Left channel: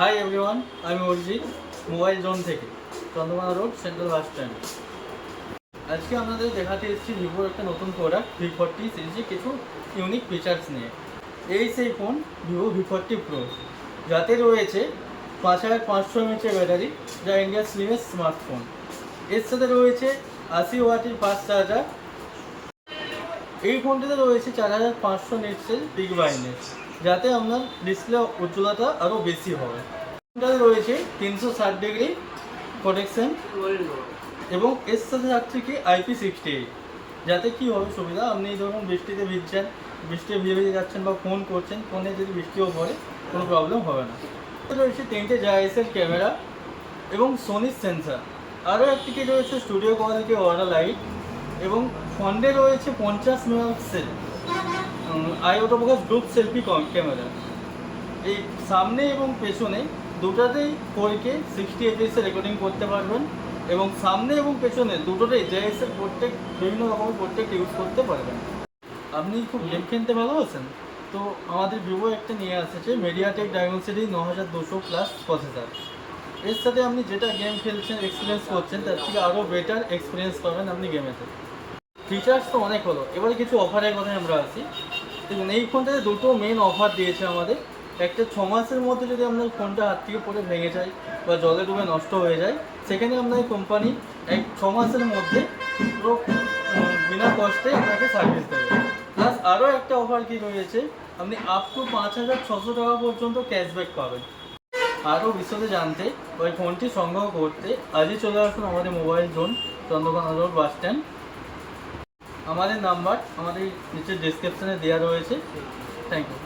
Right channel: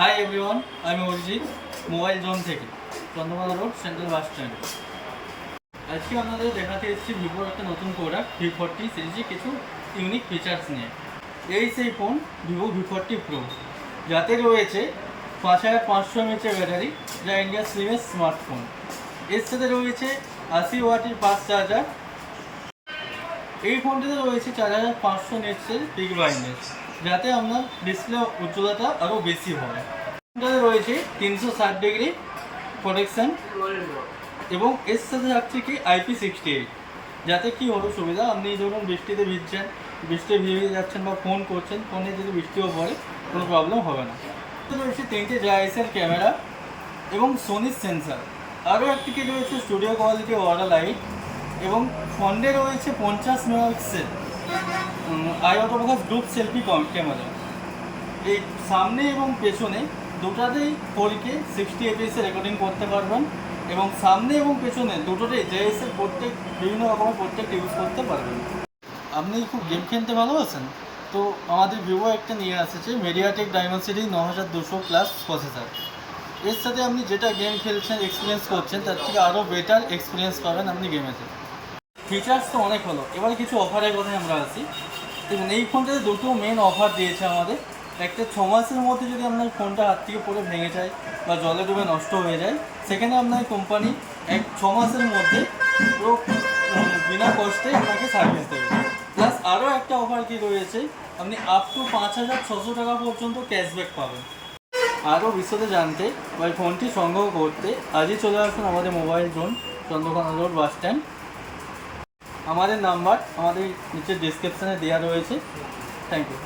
Hi everyone, আমি Arijit mobile zone থেকে Chandrakona road central bus stand. আজকে আপনাদের দেখাতে এসেছি ভিভোর একটা নতুন প্রোডাক্ট V40 সিরিজে কিছু ইউনিক ফিচার্স নিয়ে। এই সেই ফোন ভিভো V40 প্রো, যাতে রয়েছে 5500 mAh ব্যাটারি, যা ইন্ডিয়ার স্লিমেস্ট স্মার্টফোন। এর সাথে রয়েছে 80 ওয়াটের ফাস্ট চার্জার। এই ফোনটিতে রয়েছে 4500 নিটসের পিক ব্রাইটনেস, যাতে আপনার ডিসপ্লে উজ্জ্বলতা আরও বেশি হবে। ফোনটাতে রয়েছে 360 ডিগ্রি প্রোটেকশন এবং এর সাথে থাকছে কি IP68, যাতে কি হবে সুবিধা, আপনি ধরুন বৃষ্টিতে ভিজছেন, বৃষ্টিতে ভিজে যাচ্ছেন বা ফোন করছেন, ফোনে যদি বৃষ্টিও পড়ে কোনো প্রবলেম হবে না। এতে রয়েছে 3টে জাইএসএল ক্যামেরা এবং সোনির সেন্সার। আরও একটি কি রয়েছে স্টুডিও কোয়ালিটি ওয়াটার লাইট এবং ফ্রন্টে রয়েছে 50 megapixel I autofocus group selfie camera. এই সামনে এবং পেছনে দুটাতেই 4K 60 fps রেকর্ডিং করতে পারবেন এবং সামনে এবং পেছনে দুটোতেই জেএসএল প্রত্যেক বিভিন্ন রকমের প্রত্যেক ইউজ করতে পারবেন। আপনি খুব গেম খেলতে ভালোবাসেন তো আমাদের ভিভো একটা নিয়ে আসছে মিডিয়াটেক ডাইমেনসিটি 9200+ প্রসেসর। এর সাথে আপনি যেটা গেম খেলছেন এক্সপিরিয়েন্স করছেন তার থেকে আরও বেটার এক্সপিরিয়েন্স পাবেন আপনি গেমেতে। ফিচার্স তো অনেক হলো, এবার কিছু অফারের কথায় আমরা আসি। দেখুন, এই ফোনটাতে দুটো মেন অফার দিয়েছে আমাদের। একটা 6 মাসের মধ্যে যদি আপনার ফোনটা হাত থেকে পড়ে ভেঙে যায় বা জলে ডুবে নষ্ট হয়ে যায়, সেখানে আপনার কোম্পানি 6 মাসের মধ্যে পুরো বিনা কষ্টে আপনাকে সার্ভিস দেবে। প্লাস আরও একটা অফার কি রয়েছে, আপনি আপ টু 5600 টাকা পর্যন্ত ক্যাশব্যাক পাবেন। আরও বিশদে জানতে বা ফোনটি সংগ্রহ করতে আজই চলে আসুন আমাদের mobile zone, Chandrakona road bus stand. আমাদের নাম্বার আমাদের নিচের ডেসক্রিপশানে দেওয়া রয়েছে। Thank you.